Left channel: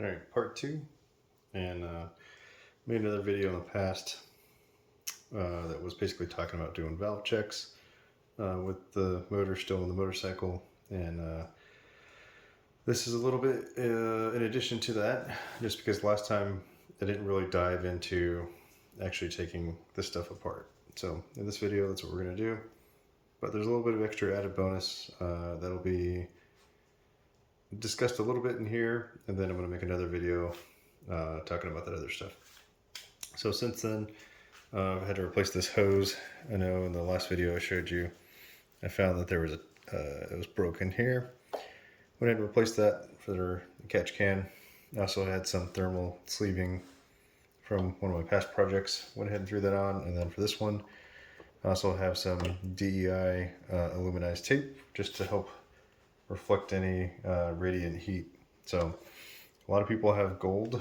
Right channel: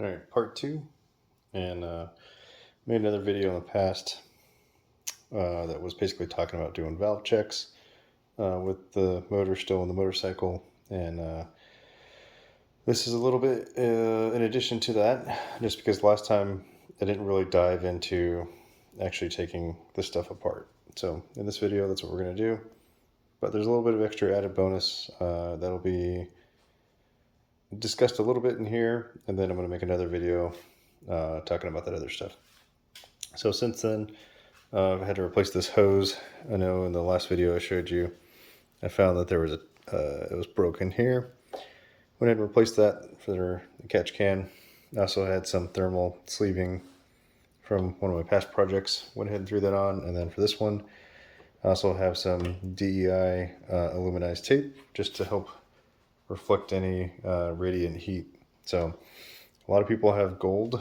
All right, part two, and made another video in the past that was basically talking about doing valve checks with the motor still in the motorcycle, and this is a little bit in addition to that, just because last time I didn't really dive into actually taking this stuff apart. So in this video, that's what we're going to do, but there's a little bit of extra added bonus that'll be discussed a little bit in here, and then I'm going to make another video talking about that other stuff. So since then, I've had to replace this hose. I know in the last video I showed you, I found that there was it was broken here. Went ahead and replaced that for the catch can. I also had some thermal sleeving from one of my past projects. Went ahead and threw that on, and then for this one, I also have some DEI aluminized tape just to help reflect any radiant heat. So a lot of people have gold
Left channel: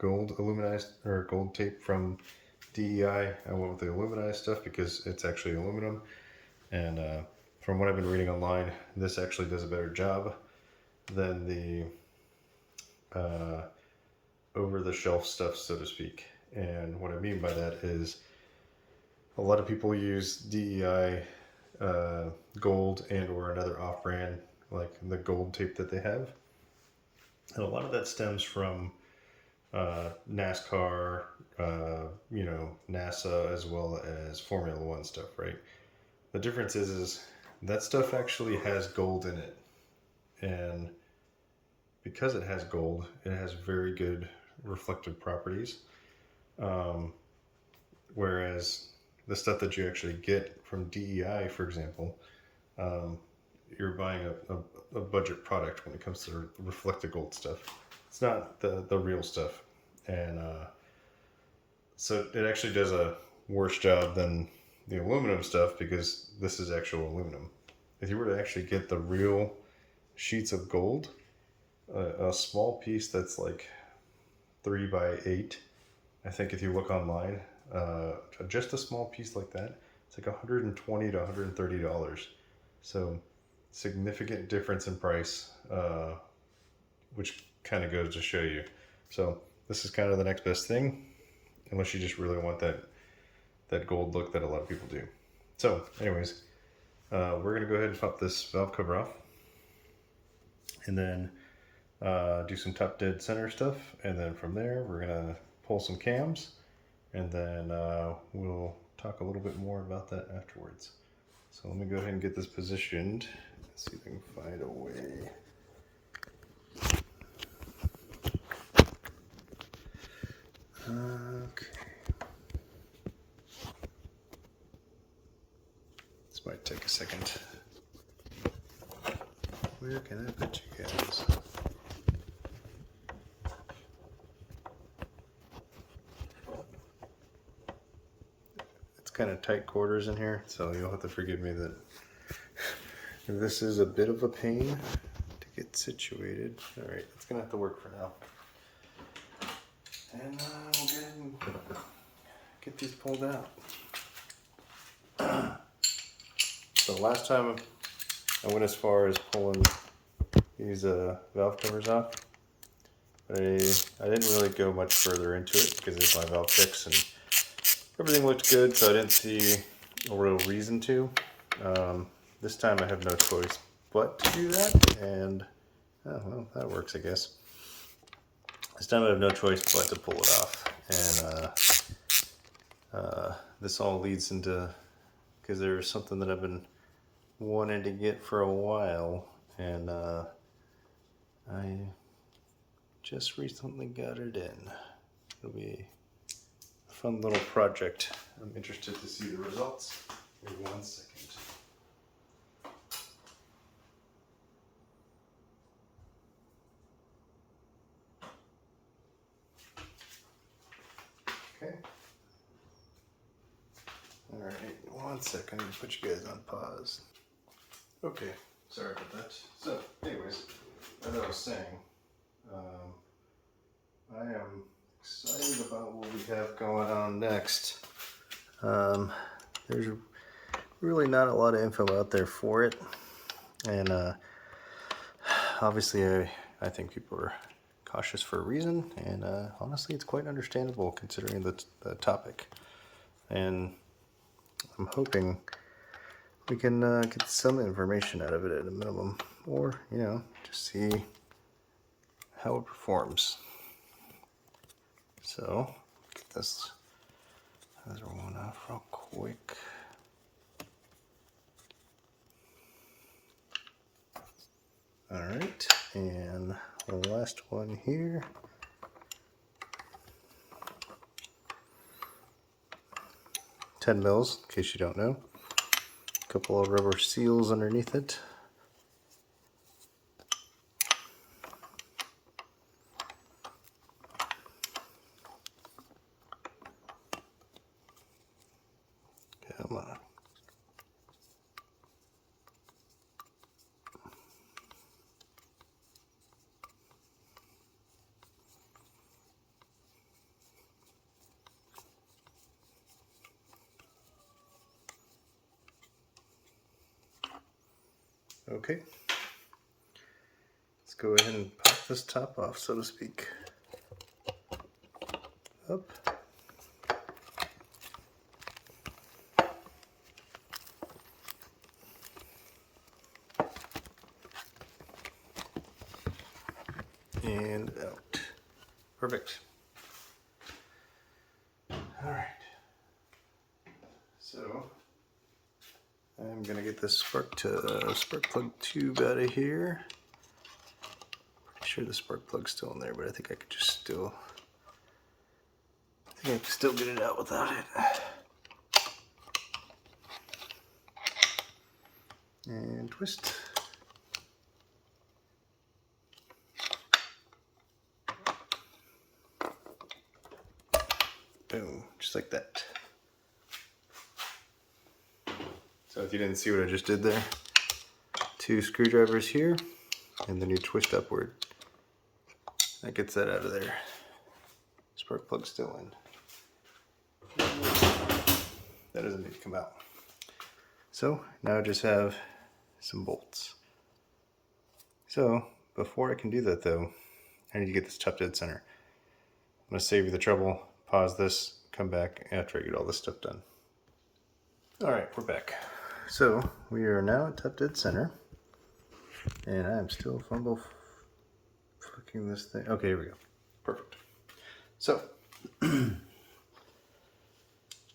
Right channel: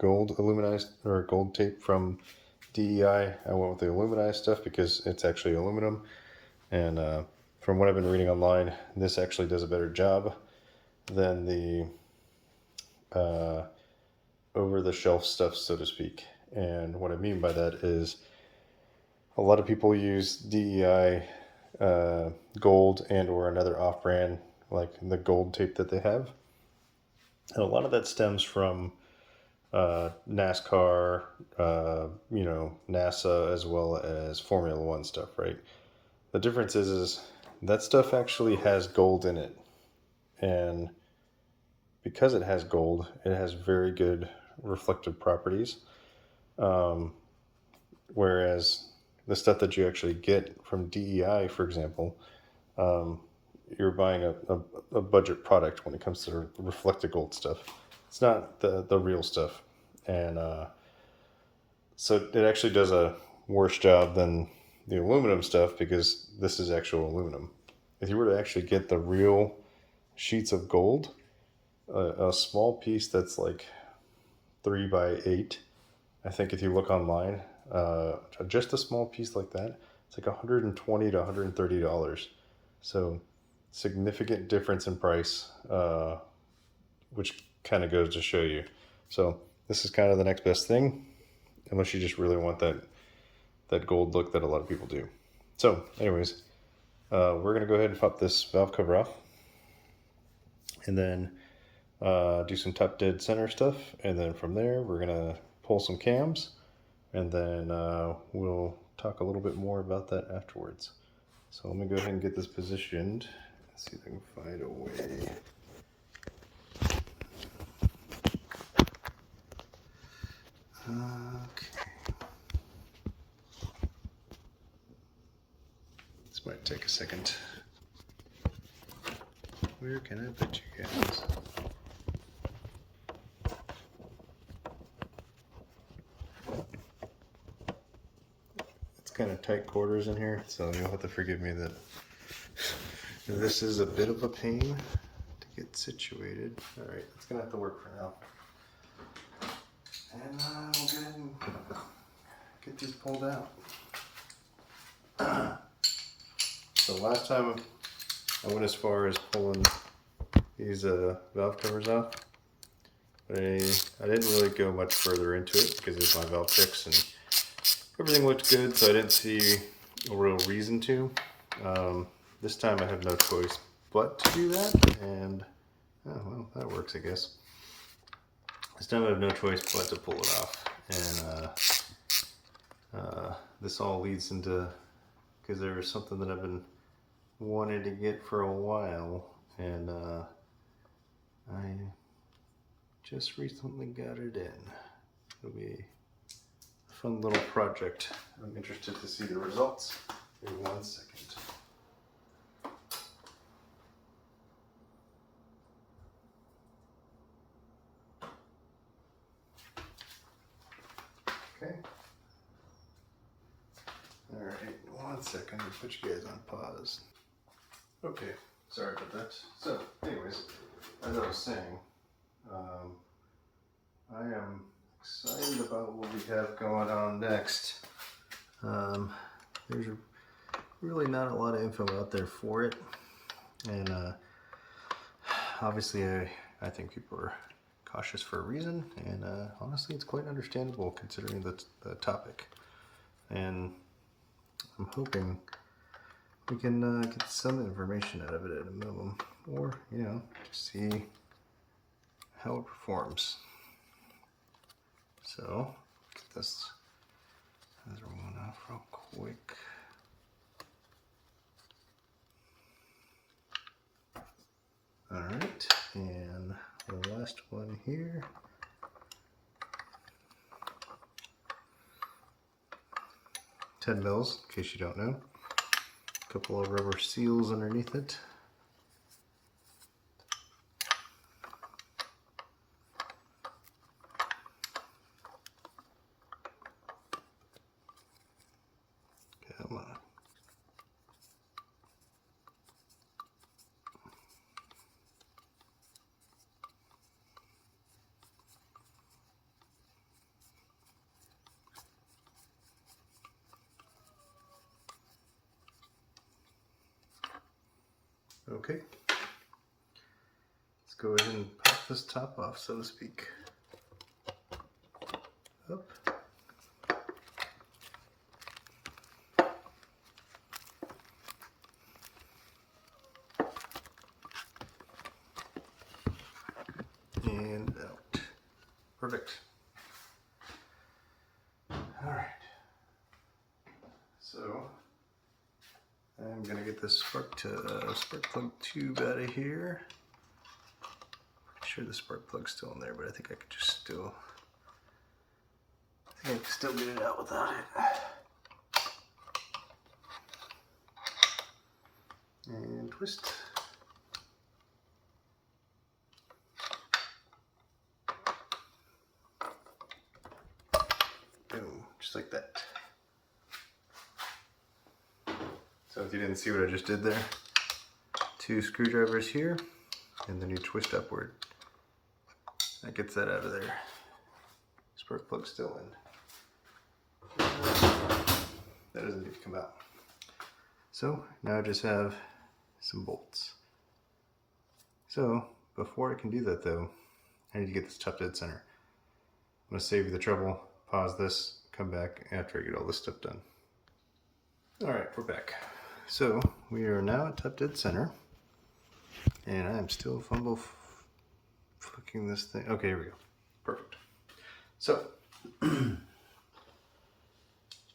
aluminized or gold tape from DEI. I went with the aluminized stuff because it's actually aluminum, and from what I've been reading online, this actually does a better job than the over-the-shelf stuff, so to speak. And what I mean by that is a lot of people use DEI gold and or another off-brand like the gold tape that they have, and a lot of that stems from NASCAR, NASA, as well as Formula One stuff, right? The difference is that stuff actually has gold in it, and because it has gold, it has very good reflective properties, whereas the stuff that you actually get from DEI, for example, you're buying a budget product when it comes to reflective gold stuff. It's not the real stuff, and so it actually does a worse job than the aluminum stuff because this is actual aluminum. If you were to actually get the real sheets of gold, a small piece that's like 3 by 8, I think if you look online, just a small piece like that, it's like $120 to $130. So significant difference in price, which kind of goes to show you. So this is kind of the next best thing, unless you just really want that gold look that a lot of people do. So anyways, we're going to go ahead and pop this valve cover off, and then do some top dead center stuff, and then from there we're going to pull some cams, and then we'll talk a little bit more about that afterwards. So let me go ahead and get this positioned. Let's see if I can find a way. Okay. This might take a second. Where can I put you guys? It's kind of tight quarters in here, so you'll have to forgive me that this is a bit of a pain to get situated. All right, it's gonna have to work for now. And we'll go ahead and get these pulled out. So last time I went as far as pulling these valve covers off, but I didn't really go much further into it because it's my valve checks and everything looked good, so I didn't see a real reason to. This time I have no choice but to do that, and oh, well, that works, I guess. This time I have no choice but to pull it off, and this all leads into, because there was something that I've been wanting to get for a while, and I just recently got it in. It'll be a fun little project. I'm interested to see the results. Give me 1 second. Okay. All right, 1 second. Let me put you guys on pause. Okay, sorry about that. So, anyways, as I was saying, I am excited about what we have going on next. There's really not a lot of info out there for it, and obviously I think people are cautious for a reason, and honestly, it's quite understandable considering the topic. And I'm hoping we can get some information out of it at a minimum, or, you know, just see how it performs. So, get this other one off real quick. All right, and the last one here. 10 mils, in case you don't know. A couple of rubber seals underneath it. Come on. Okay. Let's go ahead and pop this top off, so to speak. Up. And out. Perfect. All right. So I'm gonna get this spark plug tube out of here. Pretty sure the spark plug's still in there, but I think I could just still. I think I can still get it out without it. And twist. Boom, just like that. So if you didn't see what I just did there, 2 screwdrivers here, and then you twist upward. That gets that out of there. Spark plug still in. That doesn't need to come out. So now I just have some bolts. So before I can do that though, I need to get this top dead center. I'm gonna save you the trouble, pause this, come back after I get all this stuff done. All right, we're back. So we are now at top dead center, and I am still fucking this thing. Okay, here we go. Perfect. So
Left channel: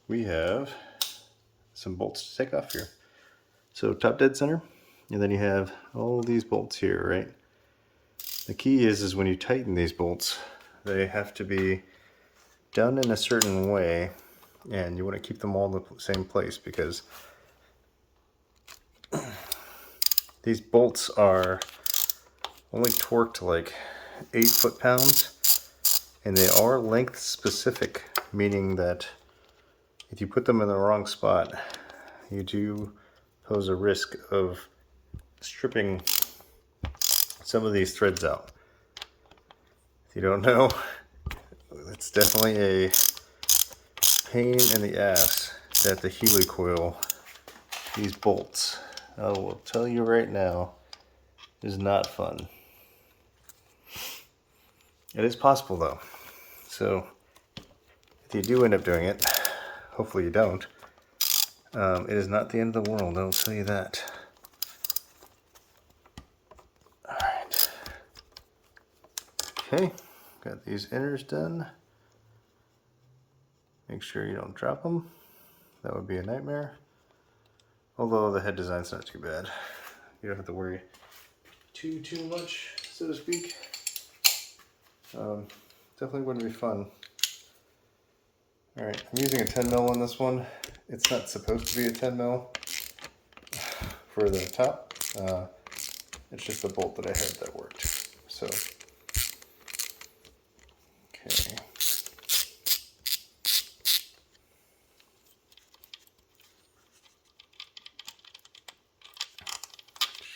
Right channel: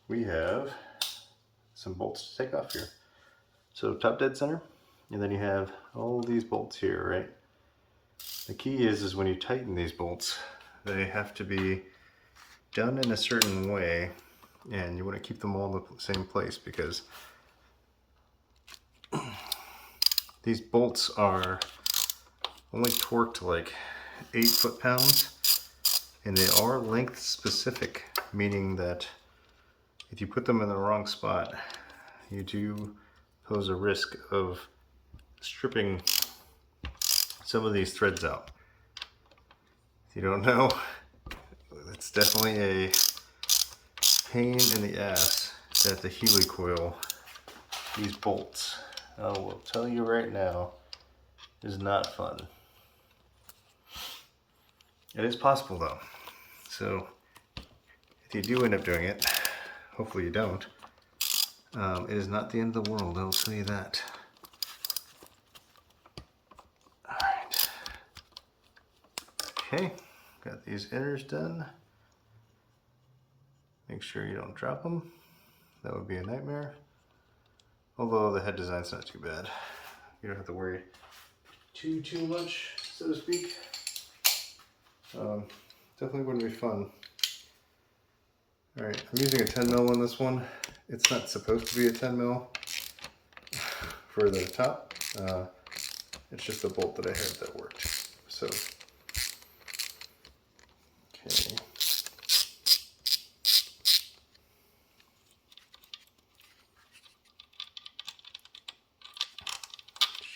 we have some bolts to take off here. So top dead center, and then you have all these bolts here, right? The key is when you tighten these bolts, they have to be done in a certain way, and you want to keep them all in the same place because these bolts are only torqued like 8 foot-pounds, and they are length specific, meaning that if you put them in the wrong spot, you do pose a risk of stripping some of these threads out. If you don't know, it's definitely a pain in the ass that the helicoil, these bolts, I will tell you right now, is not fun. It is possible though. So if you do end up doing it, hopefully you don't, it is not the end of the world, I'll tell you that. Alright. Okay, got these inners done. Make sure you don't drop them. That would be a nightmare. Although the head design's not too bad. You don't have to worry too much, so to speak. Definitely wouldn't be fun. Alright, I'm using a 10 mil on this one. It's not supposed to be a 10 mil for the top. It's just the bolt that I had that worked. So, okay.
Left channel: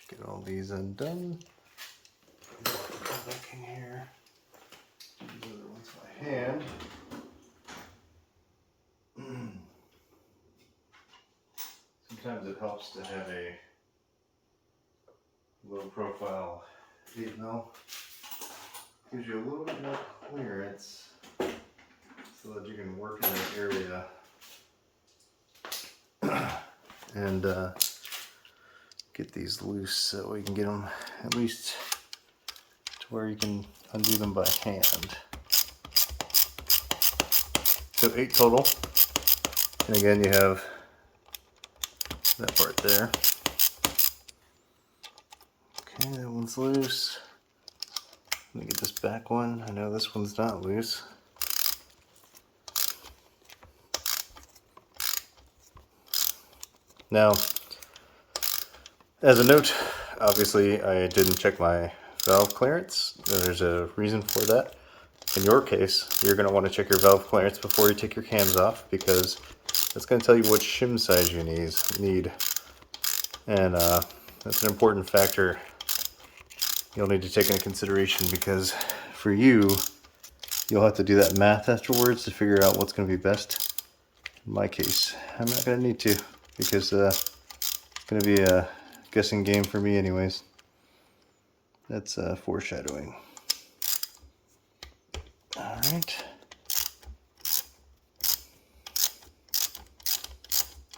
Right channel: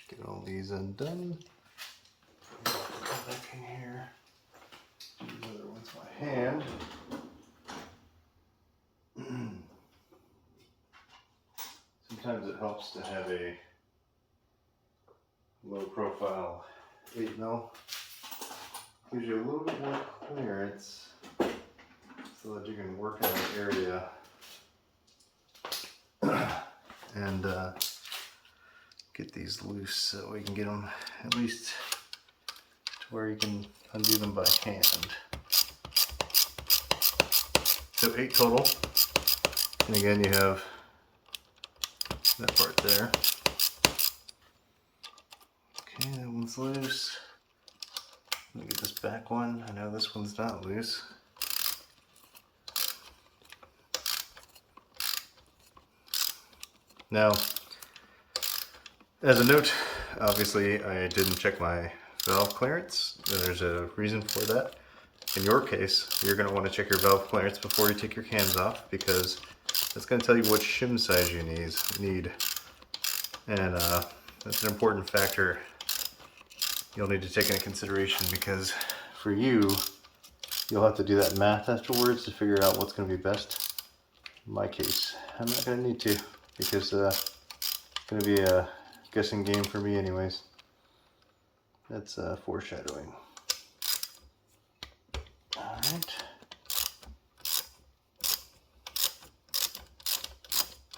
Get all these undone. Come back in here. Do the other ones by hand. Sometimes it helps to have a low profile 8 mil gives you a little bit more clearance so that you can work in that area and get these loose so we can get them at least to where you can undo them by hand. So 8 total. And again, you have that part there. Okay, that one's loose. Let me get this back one. I know this one's not loose. Now, as a note, obviously I didn't check my valve clearance. There's a reason for that. In your case, you're going to want to check your valve clearance before you take your cams off, because that's going to tell you what shim size you need. And that's an important factor you'll need to take into consideration, because for you, you'll have to do that math afterwards to figure out what's going to be best. In my case, I'm not going to need to, because it's going to be a guessing game for me anyways. That's foreshadowing. Alright.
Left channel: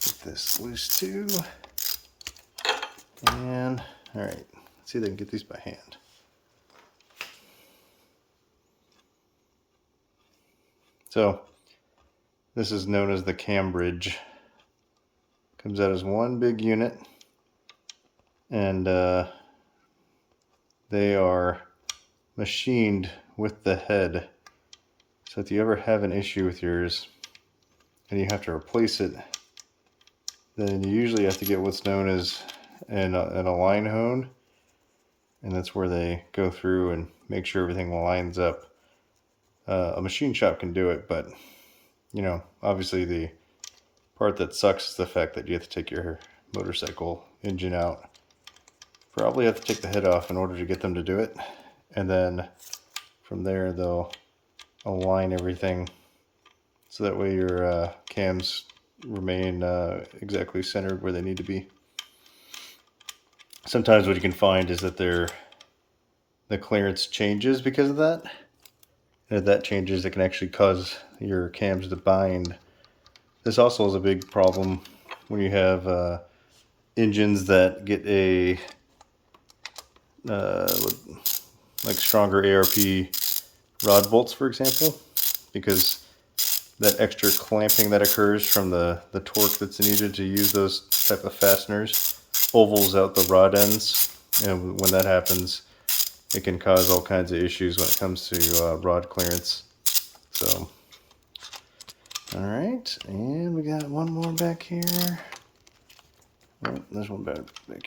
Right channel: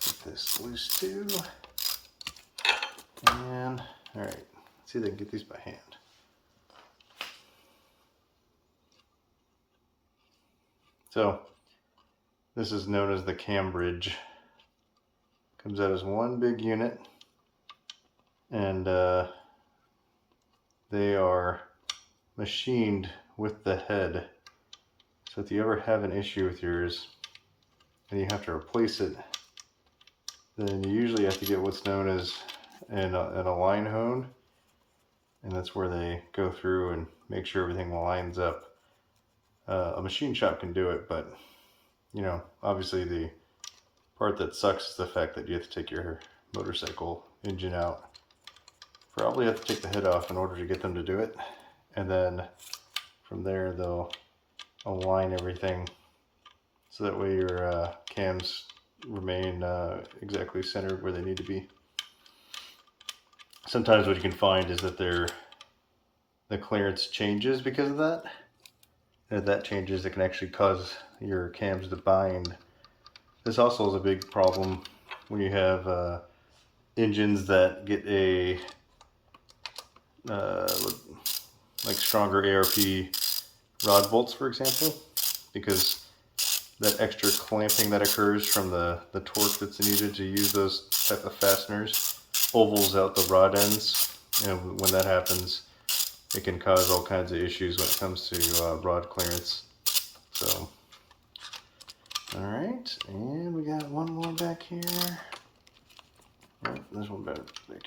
Get this loose too. And, alright, let's see if I can get these by hand. So, this is known as the cam bridge. Comes out as one big unit, and they are machined with the head. So if you ever have an issue with yours and you have to replace it, then you usually have to get what's known as an align hone, and that's where they go through and make sure everything lines up. A machine shop can do it, but you know, obviously the part that sucks is the fact that you have to take your motorcycle engine out. Probably have to take the head off in order to get them to do it, and then from there they'll align everything so that way your cams remain exactly centered where they need to be. Sometimes what you can find is that the clearance changes because of that, and if that changes, it can actually cause your cams to bind. This also is a big problem when you have engines that get a like stronger ARP rod bolts, for example, because that extra clamping that occurs from the torque that's needed to use those type of fasteners ovals out the rod ends, and when that happens, it can cause all kinds of issues when it comes to rod clearance. So, all right, and we got one more back here. Oh, there's one back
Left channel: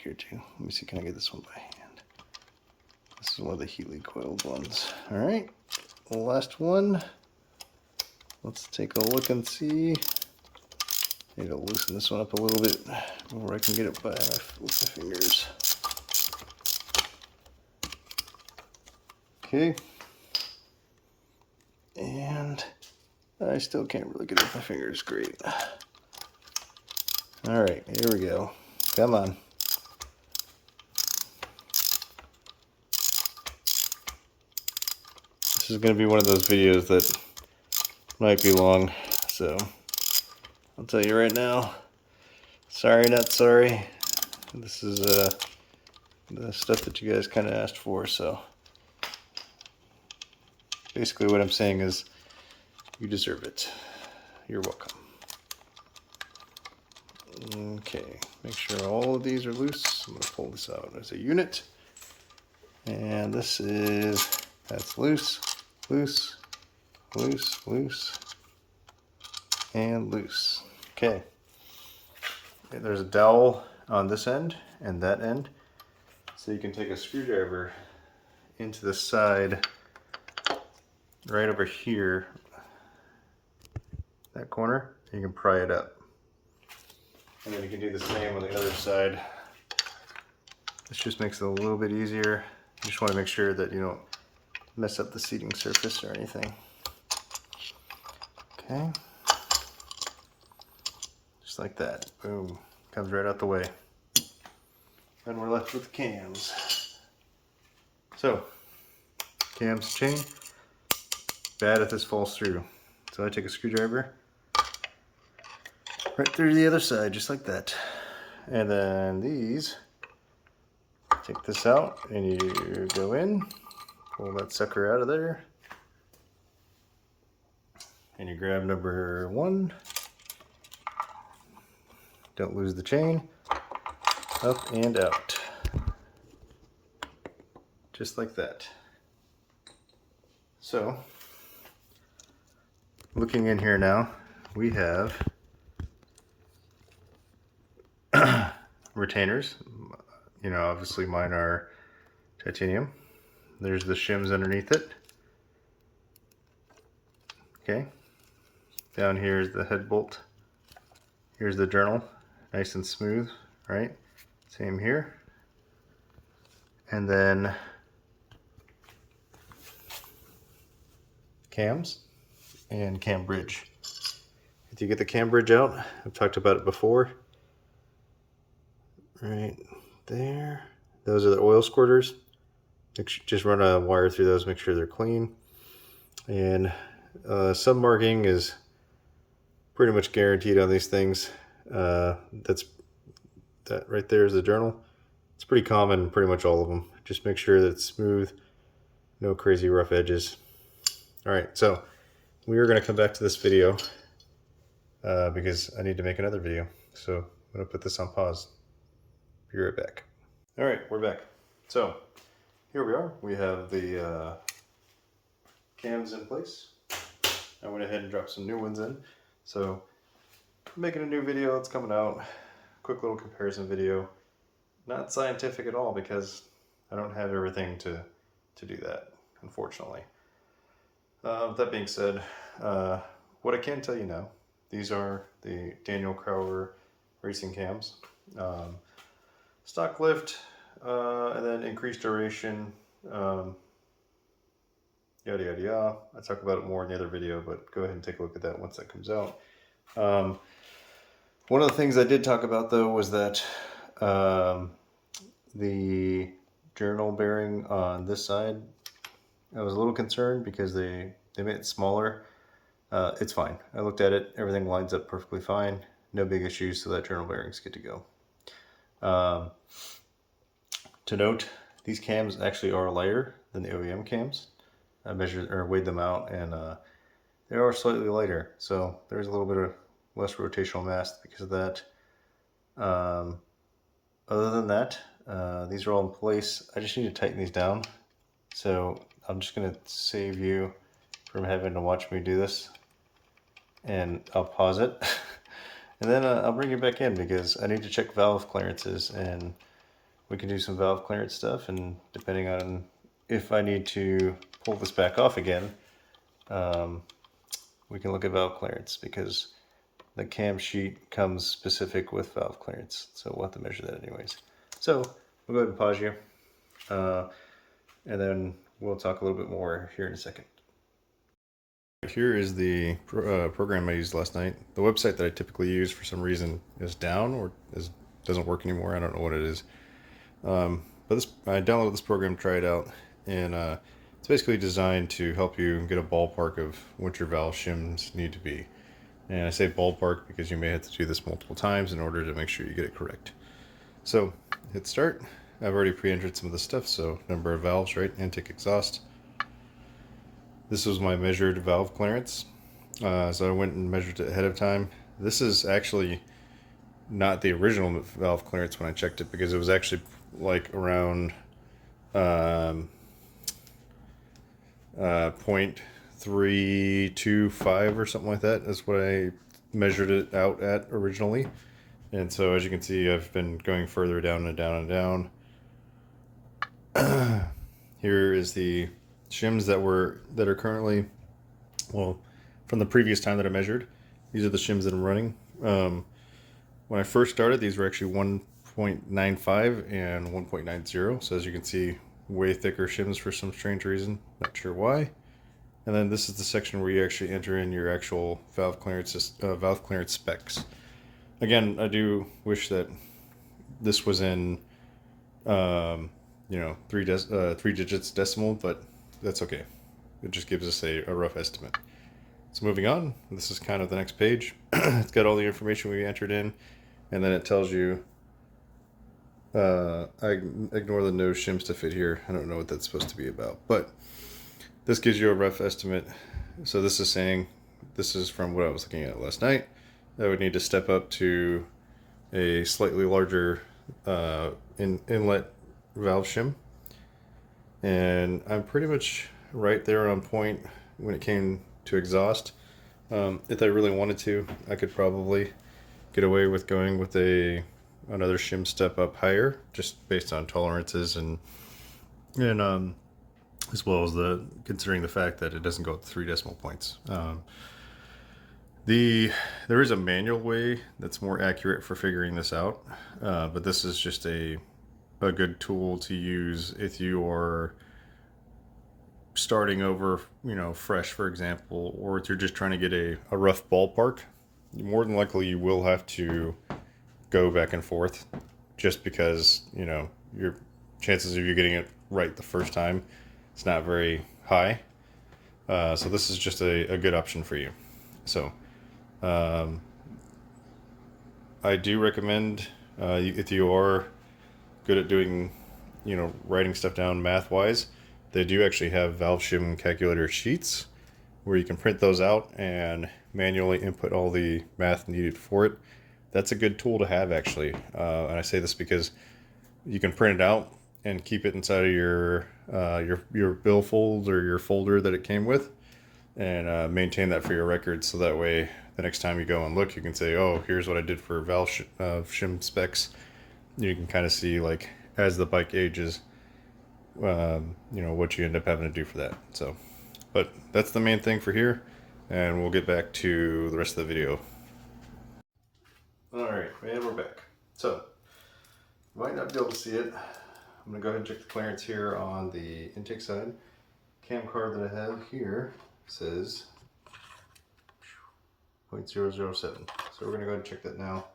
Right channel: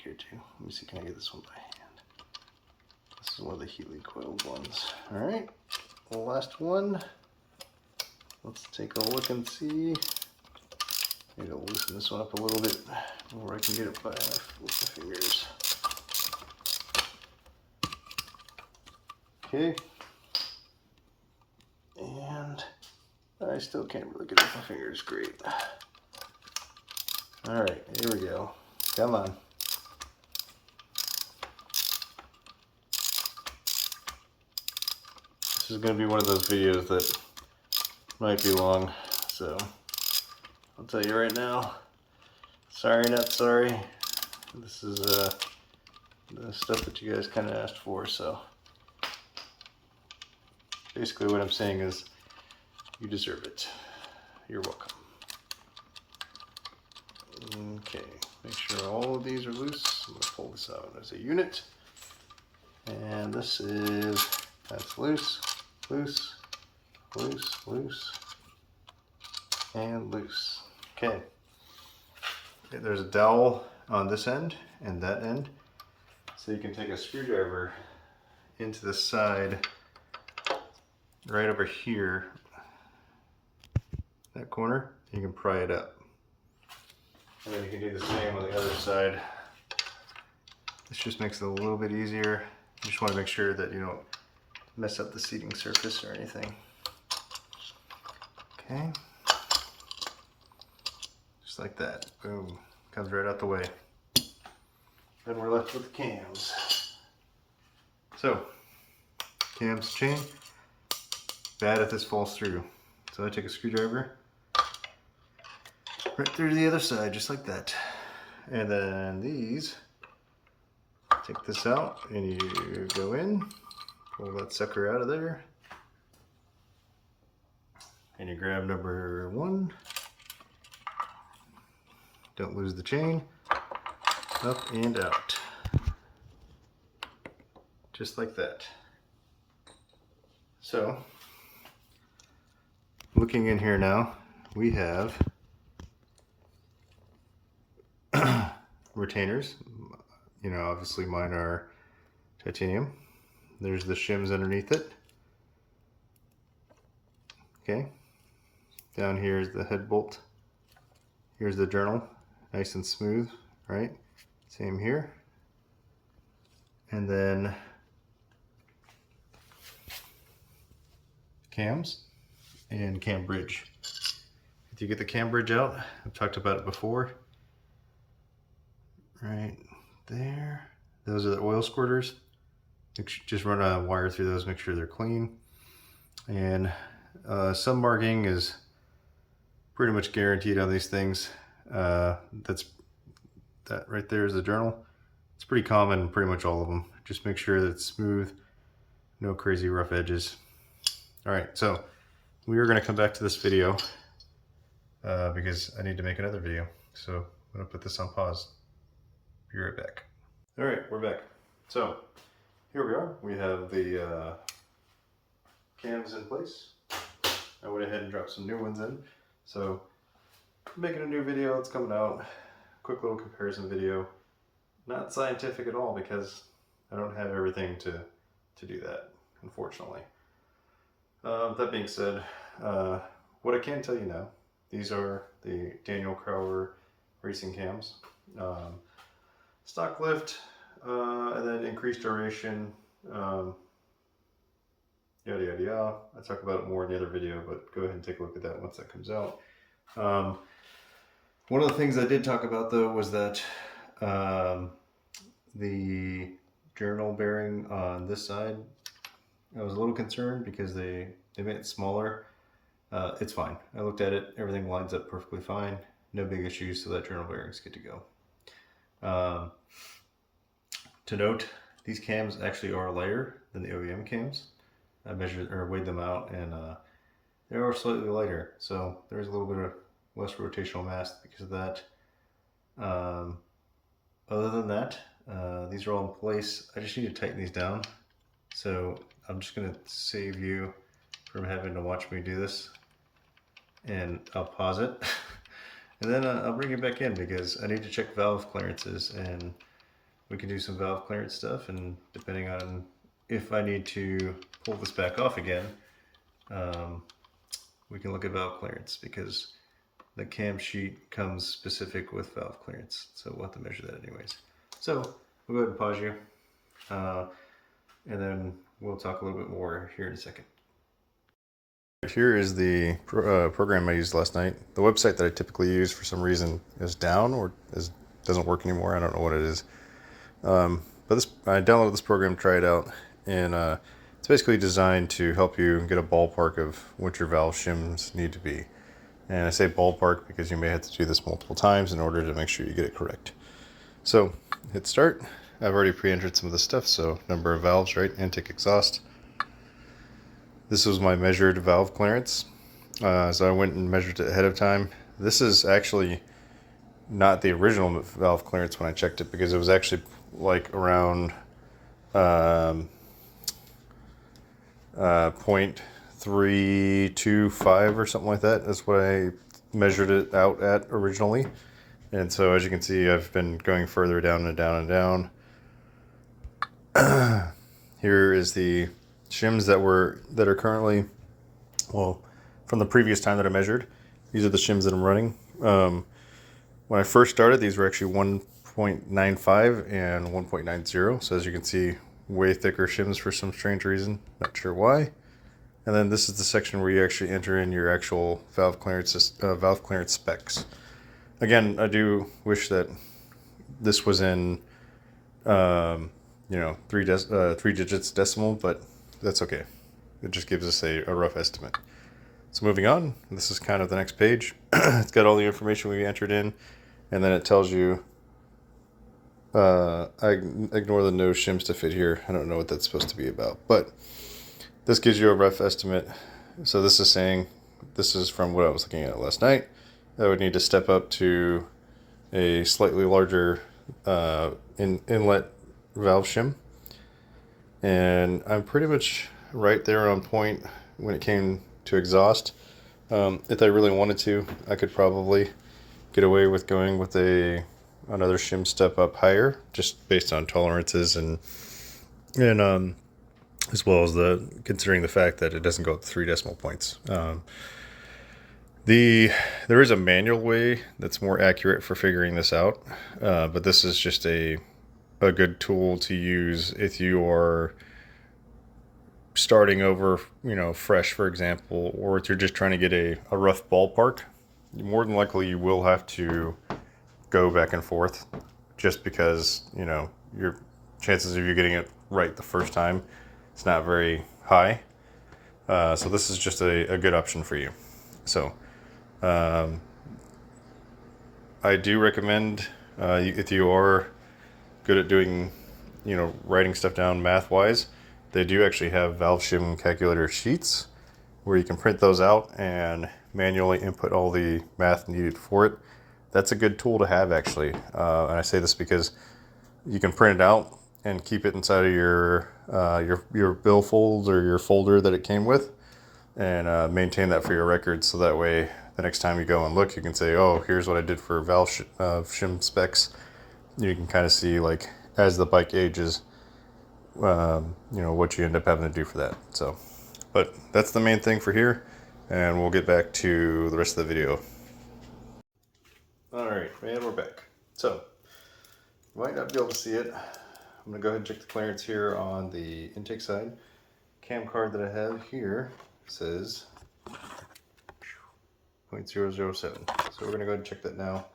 here too. Let me see, can I get this one by hand? This is one of the Healy coiled ones. All right, the last one. Let's take a look and see. Need to loosen this one up a little bit where I can get it by my fingers. Okay. And I still can't really get it with my fingers. Great. All right, here we go. Come on. This is going to be one of those videos that might be long, so I'll tell you right now, sorry not sorry. This is the stuff that you guys kind of asked for, so basically what I'm saying is you deserve it. You're welcome. Okay, make sure all of these are loose. I'm going to pull this out as a unit. And this is, that's loose, loose, loose, loose, and loose. Okay. There's a dowel on this end and that end. So you can take a screwdriver into the side right over here, that corner, and you can pry it up. And then you can do the same on the other side. This just makes it a little bit easier. You just want to make sure that you don't mess up the seating surface or anything. Okay. Just like that. Boom. Comes right out the way. And we're left with the cams. So, Cam's chain. Bad if this falls through. So I take a screwdriver right through the other side, just like that. And then these, take this out and you go in, pull that sucker out of there. And you grab number 1. Don't lose the chain. Up and out. Just like that. So, looking in here now, we have retainers. You know, obviously mine are titanium. There's the shims underneath it. Okay. Down here is the head bolt. Here's the journal. Nice and smooth, right? Same here. And then cams and cam bridge. If you get the cam bridge out, I've talked about it before. Right there. Those are the oil squirters. Just run a wire through those, make sure they're clean. And some marking is pretty much guaranteed on these things. That right there is the journal. It's pretty common in pretty much all of them. Just make sure that it's smooth, no crazy rough edges. All right, so we are going to come back to this video because I need to make another video. So I'm going to put this on pause. Be right back. All right, we're back. So here we are. We have the cams in place. I went ahead and dropped some new ones in. So I'm making a new video. It's coming out. Quick little comparison video. Not scientific at all because I don't have everything to do that, unfortunately. That being said, what I can tell you now, these are the Daniel Crowder racing cams. Stock lift, and then increased duration, yada yada yada. I talk about it more in the other video, but go ahead and take a look at that once that comes out. One of the things I did talk about though was that the journal bearing on this side, I was a little concerned because they made it smaller. It's fine. I looked at it, everything lines up perfectly fine, no big issues, so that journal bearing's good to go. To note, these cams actually are lighter than the OEM cams. I measured or weighed them out, and they are slightly lighter, so there's a little bit of less rotational mass because of that. Other than that, these are all in place. I just need to tighten these down, so I'm just going to save you from having to watch me do this, and I'll pause it and then I'll bring you back in because I need to check valve clearances, and we can do some valve clearance stuff, and depending on if I need to pull this back off again, we can look at valve clearance because the cam sheet comes specific with valve clearance, so we'll have to measure that anyways. So we'll go ahead and pause you, and then we'll talk a little bit more here in a second. Here is the program I used last night. The website that I typically use for some reason is down or doesn't work anymore. I don't know what it is. But I downloaded this program to try it out, and it's basically designed to help you get a ballpark of what your valve shims need to be. And I say ballpark because you may have to do this multiple times in order to make sure you get it correct. So hit start. I've already pre-entered some of the stuff, so number of valves, right? Intake, exhaust. This was my measured valve clearance. So I went and measured it ahead of time. This is actually not the original valve clearance when I checked it, because it was actually like around 0.325 or something like that. That's what I measured it out at originally. And so as you can see, I've been going further down and down and down. Here is the shims that are currently, well, from the previous time that I measured. These are the shims that I'm running. When I first started, these were actually 1.95 and 1.90. So as you can see, way thicker shims for some strange reason. Not sure why. And then this is the section where you actually enter in your actual valve clearance specs. Again, I do wish that this was in, 3 digits decimal, but that's okay. It just gives us a rough estimate. So moving on, this is kind of the next page. It's got all the information we entered in, and then it tells you, I ignore the no shims to fit here. I don't know what that's supposed to be about, but this gives you a rough estimate. So this is saying, this is from what I was looking at last night. I would need to step up to a slightly larger inlet valve shim. And I'm pretty much right there on point when it came to exhaust. If I really wanted to, I could probably get away with going with another shim step up higher, just based on tolerances and as well as considering the fact that it doesn't go up 3 decimal points. There is a manual way that's more accurate for figuring this out, but this is just a good tool to use if you are starting over, fresh, for example, or if you're just trying to get a rough ballpark. More than likely you will have to go back and forth, just because your chances of you getting it right the first time, it's not very high. So this is just a good option for you. So I do recommend, if you are good at doing, writing stuff down math wise, they do actually have valve shim calculator sheets where you can print those out and manually input all the math needed for it. That's a good tool to have, actually. And I say this because you can print it out and keep it inside of your billfold or your folder that it came with, and maintain that for your records. So that way, the next time you go and look, you can say, "Oh, here's what I did for valve shim specs." You can kind of see, like, as the bike ages, what you end up having to do for that. So, but that's the main thing for here, and we'll get back to the rest of the video. All right, and we're back. So, you might not be able to see it. I'm gonna go ahead and check the clearance here on the intake side. Cam card that I have here says 0.007. So we're gonna go ahead and check that now.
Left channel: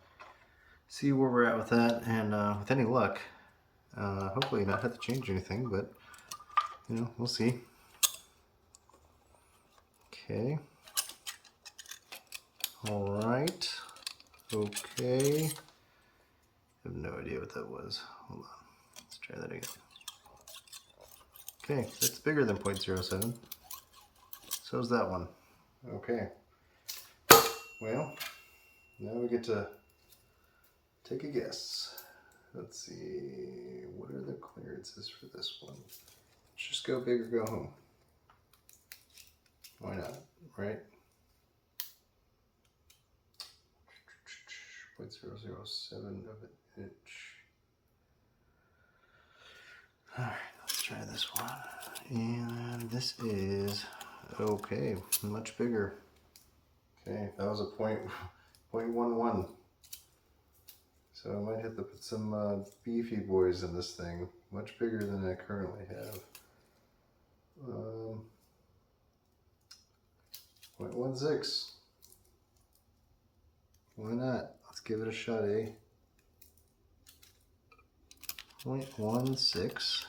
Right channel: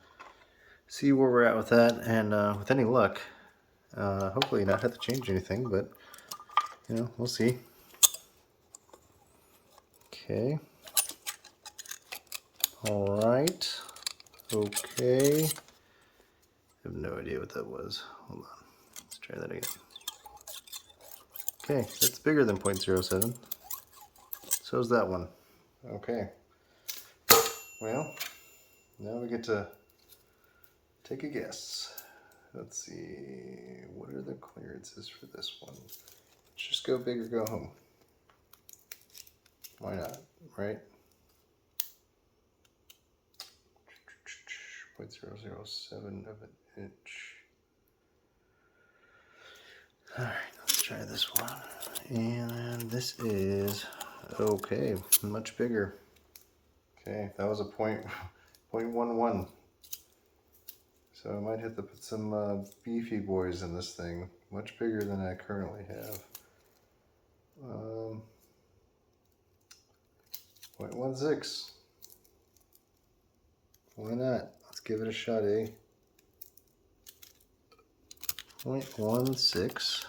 See where we're at with that, and with any luck, hopefully not have to change anything, but we'll see. Okay. All right. Okay. I have no idea what that was. Hold on. Let's try that again. Okay, that's bigger than 0.07. So is that one. Okay. Well, now we get to take a guess. Let's see. What are the clearances for this one? Let's just go big or go home. Why not, right? 0.007 of an inch. All right, let's try this one. And this is, okay, much bigger. Okay, that was a 0.11. So I might have to put some beefy boys in this thing. Much bigger than I currently have. 0.16. Why not? Let's give it a shot, eh? 0.16.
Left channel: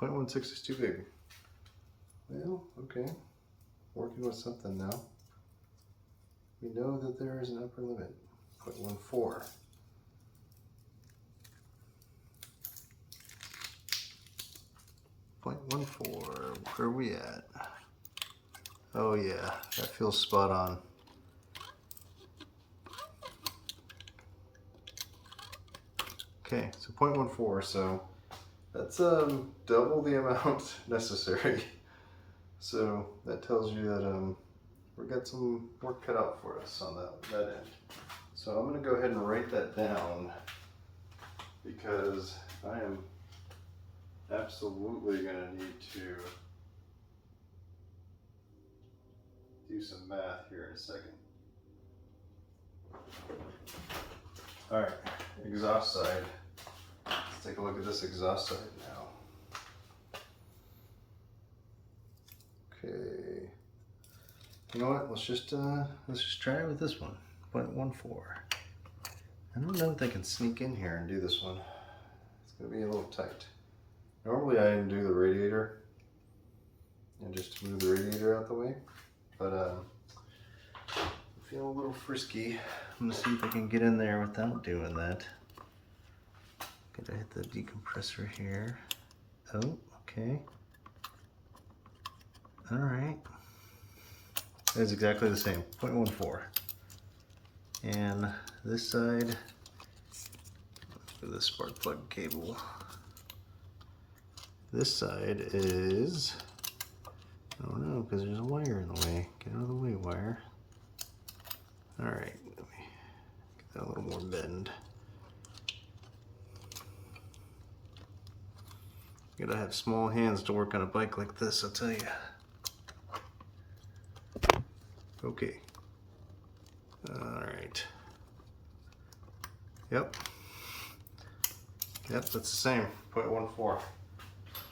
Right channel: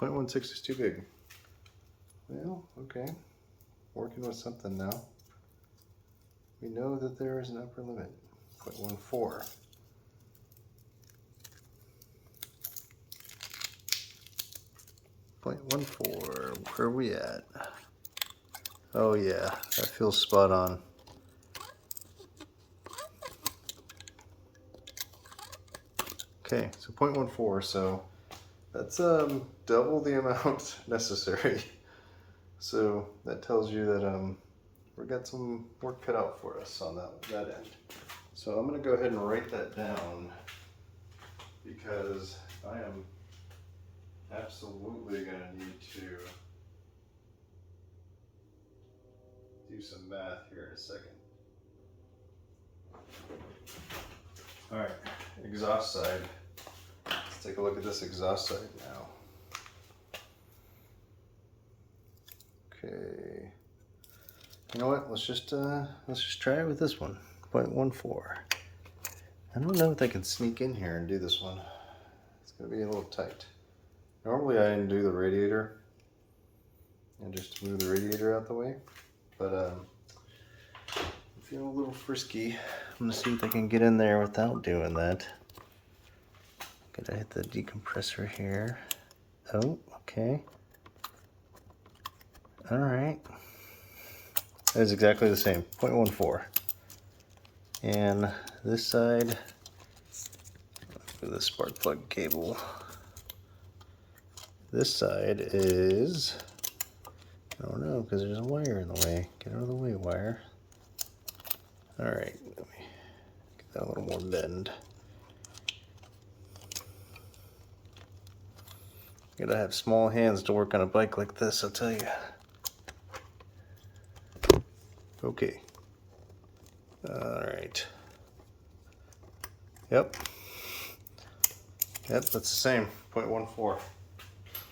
0.16 is too big. Well, okay. Working with something now. We know that there is an upper limit. 0.14. 0.14. Where are we at? Oh yeah, that feels spot on. Okay, so 0.14, so that's double the amount necessary. So that tells you that we've got some work cut out for us on that end. So I'm going to go ahead and write that down, because I am absolutely going to need to do some math here in a second. All right, exhaust side. Let's take a look at this exhaust side now. Okay. You know what? Let's just try it with this one. 0.14. I don't know if I can sneak in here and do this one. It's going to be a little tight. Normally I undo the radiator and just move the radiator out the way, but I feel a little frisky. I'm going to see if I can get in there without doing that. Gotta hit the decompressor here. Oh, okay. Alright. That is exactly the same, 0.14. And this side, for the spark plug cable. This side is, I don't know, because there's a wire in the way. Get out of the way, wire. Alright, let me get that a little more bend. You gotta have small hands to work on a bike like this, I'll tell you. Okay. Alright. Yep. Yep, that's the same, 0.14.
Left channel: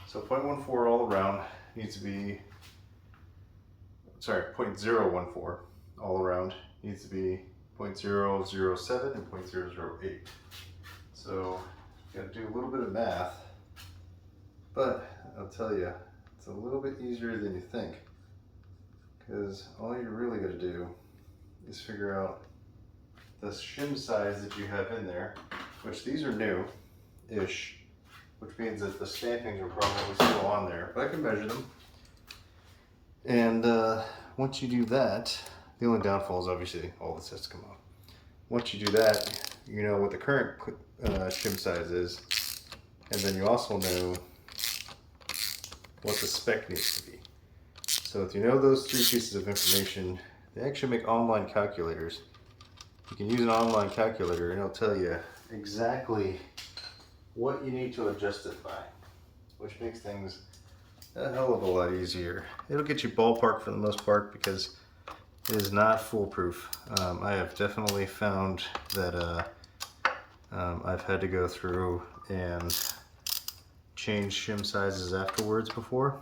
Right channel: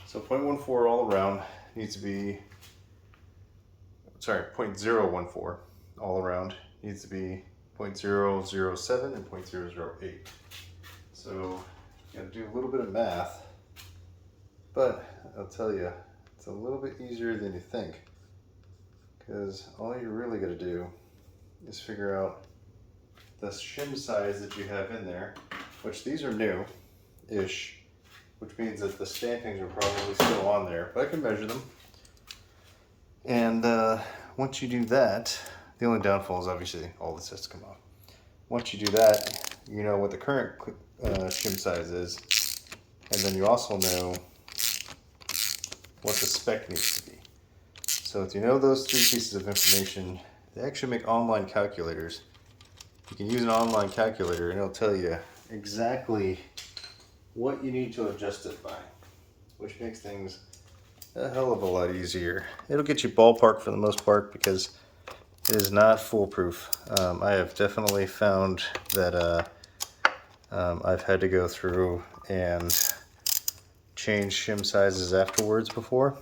So 0.14 all around needs to be, sorry, 0.014 all around needs to be 0.007 and 0.008. So you gotta do a little bit of math, but I'll tell you, it's a little bit easier than you think, because all you're really gonna do is figure out the shim size that you have in there, which these are new-ish, which means that the stampings are probably still on there, but I can measure them. And once you do that, the only downfall is obviously all this has to come off. Once you do that, you know what the current shim size is, and then you also know what the spec needs to be. So if you know those three pieces of information, they actually make online calculators. You can use an online calculator and it'll tell you exactly what you need to adjust it by, which makes things a hell of a lot easier. It'll get you ballpark for the most part because it is not foolproof. I have definitely found that I've had to go through and change shim sizes afterwards before,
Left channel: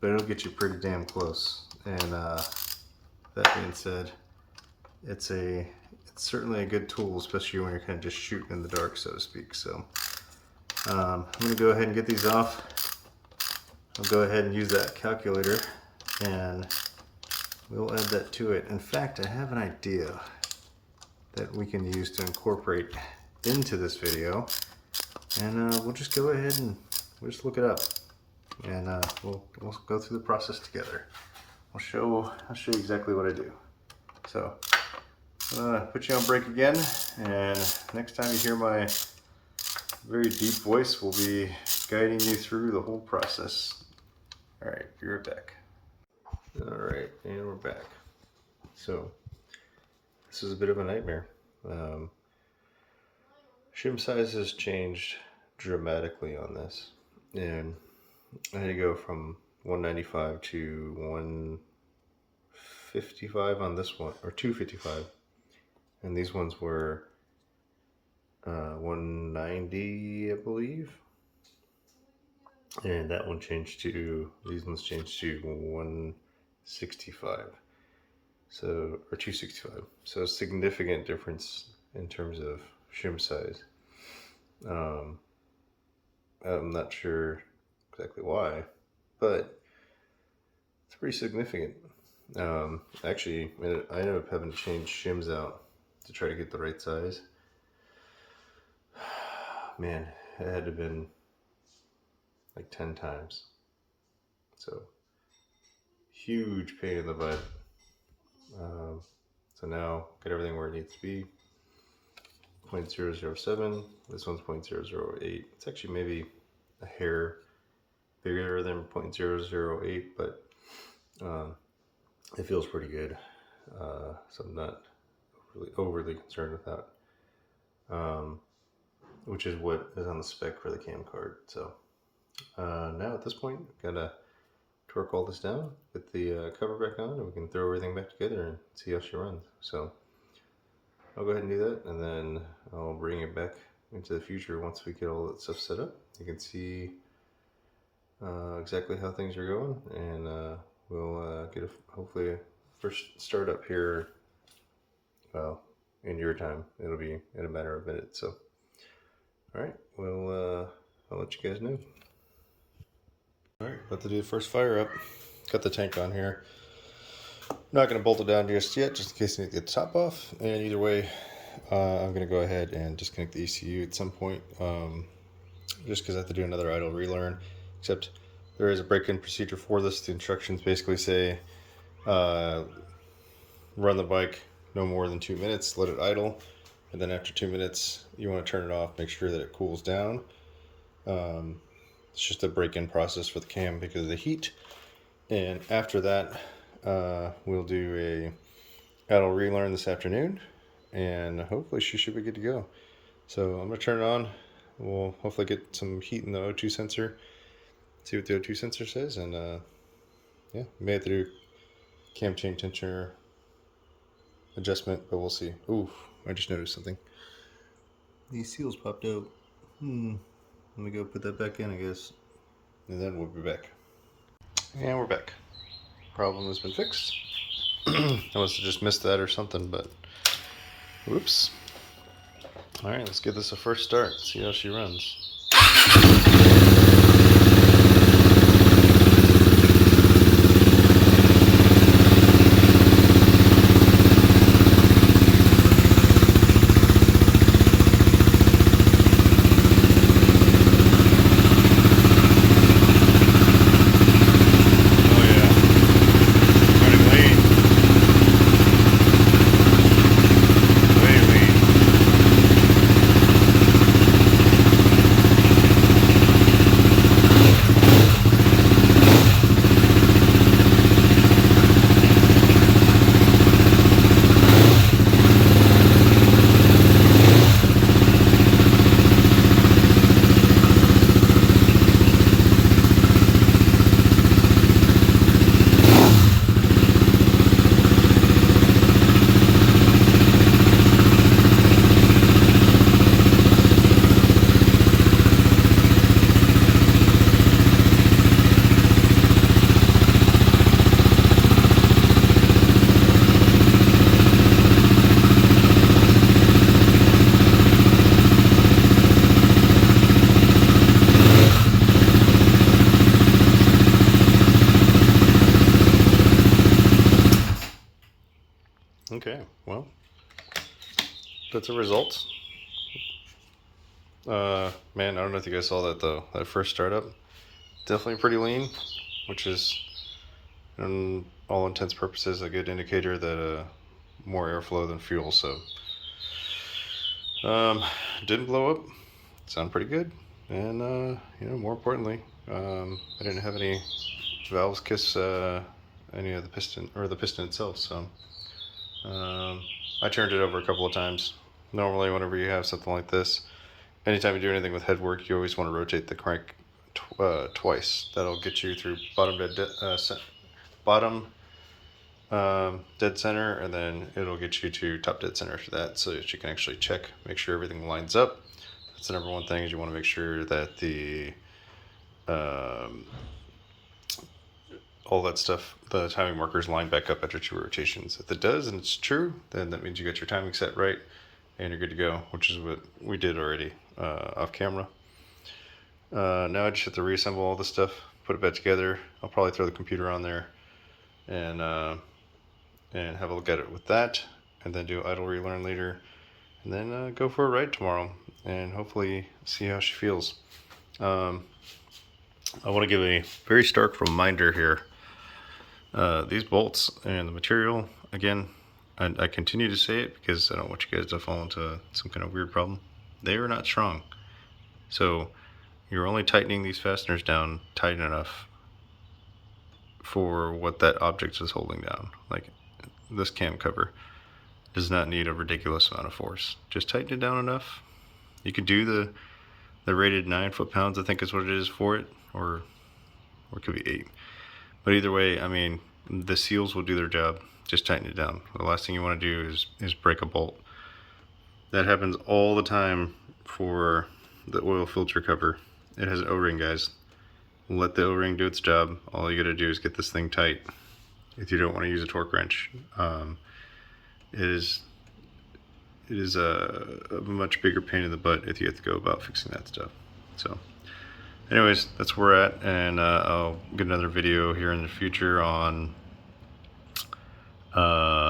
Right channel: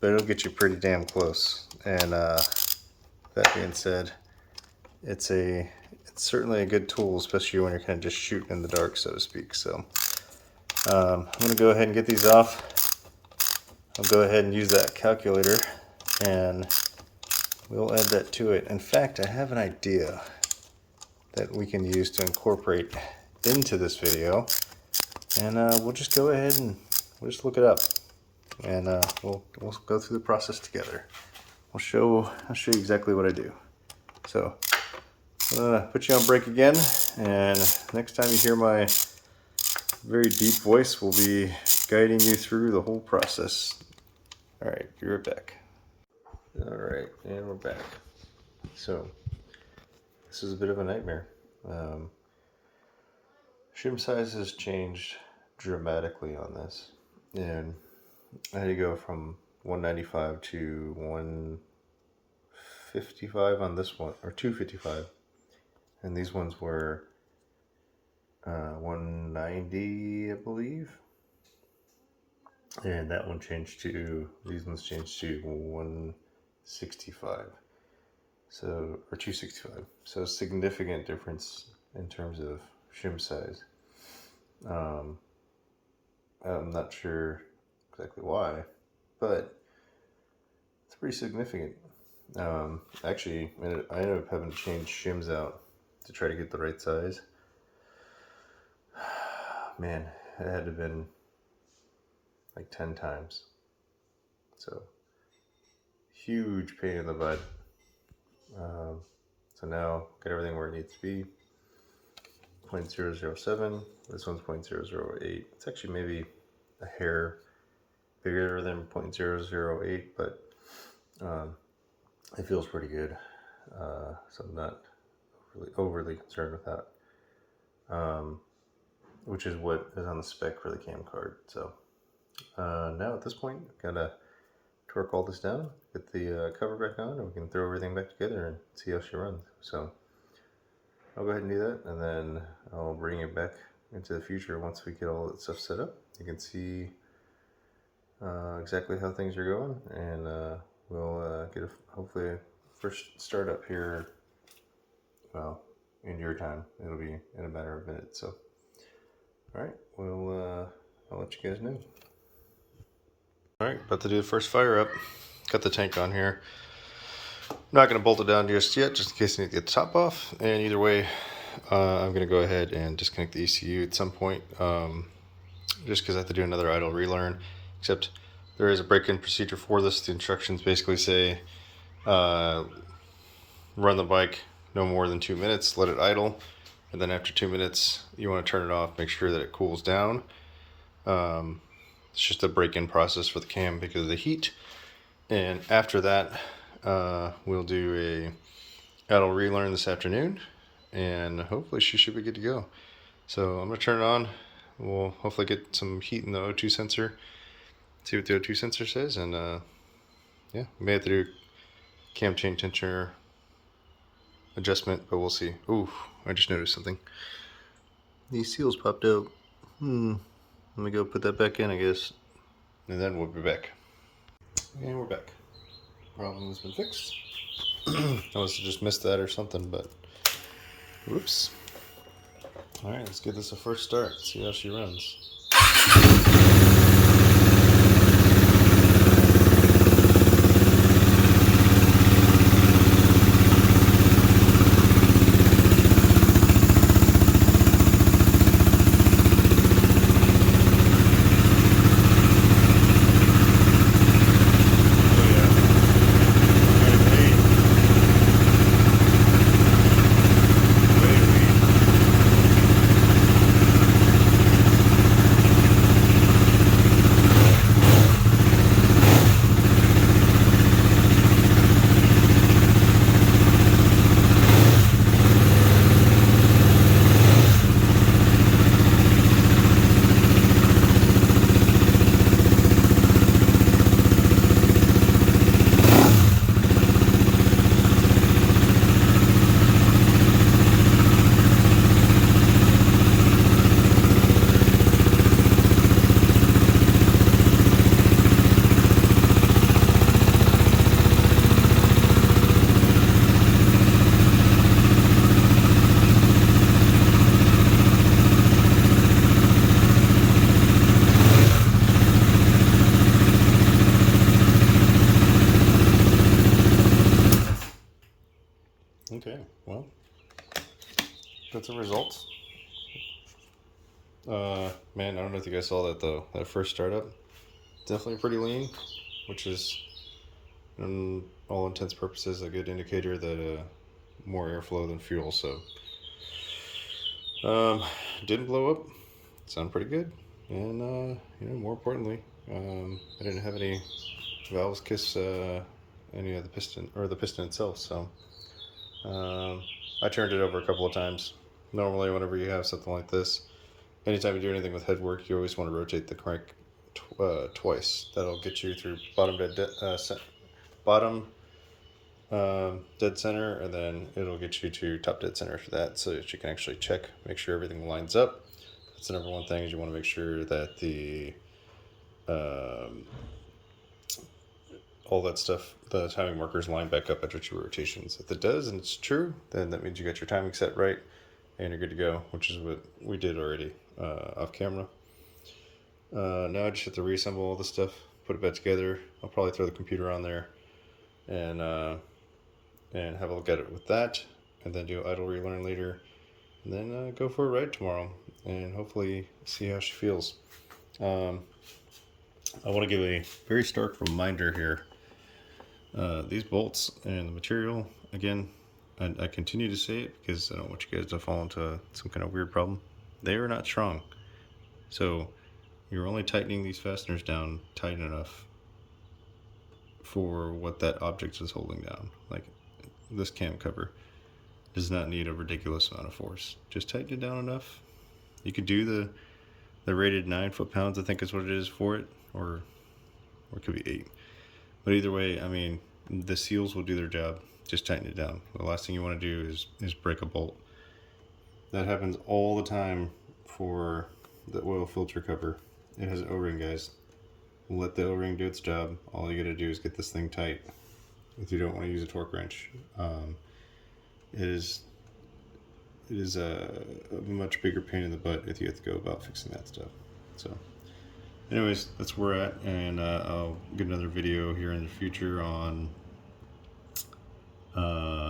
but it'll get you pretty damn close. And that being said, it's certainly a good tool, especially when you're kind of just shooting in the dark, so to speak. So I'm going to go ahead and get these off. I'll go ahead and use that calculator and we'll add that to it. In fact, I have an idea that we can use to incorporate into this video, and we'll just go ahead and we'll just look it up, and we'll go through the process together. I'll show you exactly what I do. So I'm gonna put you on break again, and next time you hear my very deep voice, we'll be guiding you through the whole process. All right, be right back. All right, and we're back. So this is a bit of a nightmare. Shim size has changed dramatically on this, and I had to go from 195 to 155 on this one, or 255, and these ones were 190, I believe, and that one changed to, these ones changed to 165, so, or 265, so a significant difference in terms of shim size. I'm not sure exactly why, but it's pretty significant. Actually, I ended up having to change shims out to try to get the right size. Man, it had to have been like 10 times. So, huge pain in the butt. So now, got everything where it needs to be. 0.007, this one's 0.008. It's actually maybe a hair bigger than 0.008, but it feels pretty good. So I'm not overly concerned with that, which is what is on the spec for the cam card. So now at this point, gotta torque all this down, get the cover back on, and we can throw everything back together and see how she runs. So I'll go ahead and do that, and then I'll bring it back into the future once we get all that stuff set up. You can see exactly how things are going, and we'll get hopefully a first startup here, well, in your time. It'll be in a matter of minutes. So, all right, well, I'll let you guys know. All right, about to do the first fire up. Got the tank on here. I'm not going to bolt it down just yet, just in case I need to get the top off. And either way, I'm going to go ahead and disconnect the ECU at some point, just because I have to do another idle relearn. Except there is a break-in procedure for this. The instructions basically say run the bike no more than 2 minutes, let it idle, and then after 2 minutes you want to turn it off, make sure that it cools down. It's just a break-in process for the cam because of the heat. And after that, we'll do a idle relearn this afternoon, and hopefully she should be good to go. So I'm going to turn it on. We'll hopefully get some heat in the O2 sensor, see what the O2 sensor says, and yeah, we may have to do cam chain tensioner adjustment, but we'll see. Ooh, I just noticed something. These seals popped out. Let me go put that back in, I guess, and then we'll be back. And we're back. Problem has been fixed. I must have just missed that or something, but whoops. All right, let's give this a first start, see how she runs. Okay, well, that's a result. Man, I don't know if you guys saw that though. That first startup, definitely pretty lean, which is, in all intents and purposes, a good indicator that more airflow than fuel. So, didn't blow up. Sound pretty good, and more importantly, I didn't have any valves kiss any of the piston or the piston itself. So. I turned it over a couple of times. Normally, whenever you have something like this, anytime you do anything with head work, you always want to rotate the crank twice. That'll get you through bottom dead center, and then it'll get you to top dead center after that, so that you can actually check, make sure everything lines up. That's the number one thing, is you want to make sure that the all that stuff, the timing markers line back up after 2 rotations. If it does and it's true, then that means you got your timing set right and you're good to go, which is what we did already off camera. Now I just have to reassemble all this stuff, put it back together. I'll probably throw the computer on there and have a look at it with that, and then do idle relearn later, and then go for a ride tomorrow and hopefully see how she feels. I want to give a very stark reminder here. These bolts and the material, again, I continue to say it because I don't want you guys to fall into some kind of weird problem. They are not strong. So you're only tightening these fasteners down tight enough for what that object is holding down. Like this cam cover does not need a ridiculous amount of force. Just tighten it down enough. You could do the rated 9 foot-pounds, I think is what it is for it, or it could be 8. But either way, I mean, the seals will do their job. Just tighten it down. The last thing you want to do is break a bolt. That happens all the time for the oil filter cover. It has an O-ring, guys. Let the O-ring do its job. All you gotta do is get this thing tight if you don't want to use a torque wrench. It is it is a much bigger pain in the butt if you have to go about fixing that stuff. So anyways, that's where we're at, and I'll get another video here in the future on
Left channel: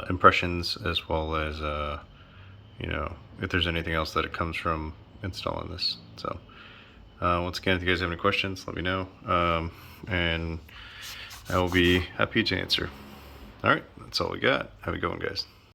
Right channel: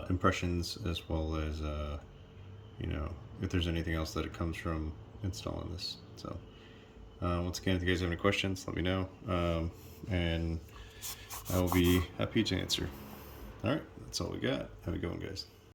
impressions, as well as you know, if there's anything else that it comes from installing this. So once again, if you guys have any questions, let me know, and I will be happy to answer. All right, that's all we got. Have a good one, guys.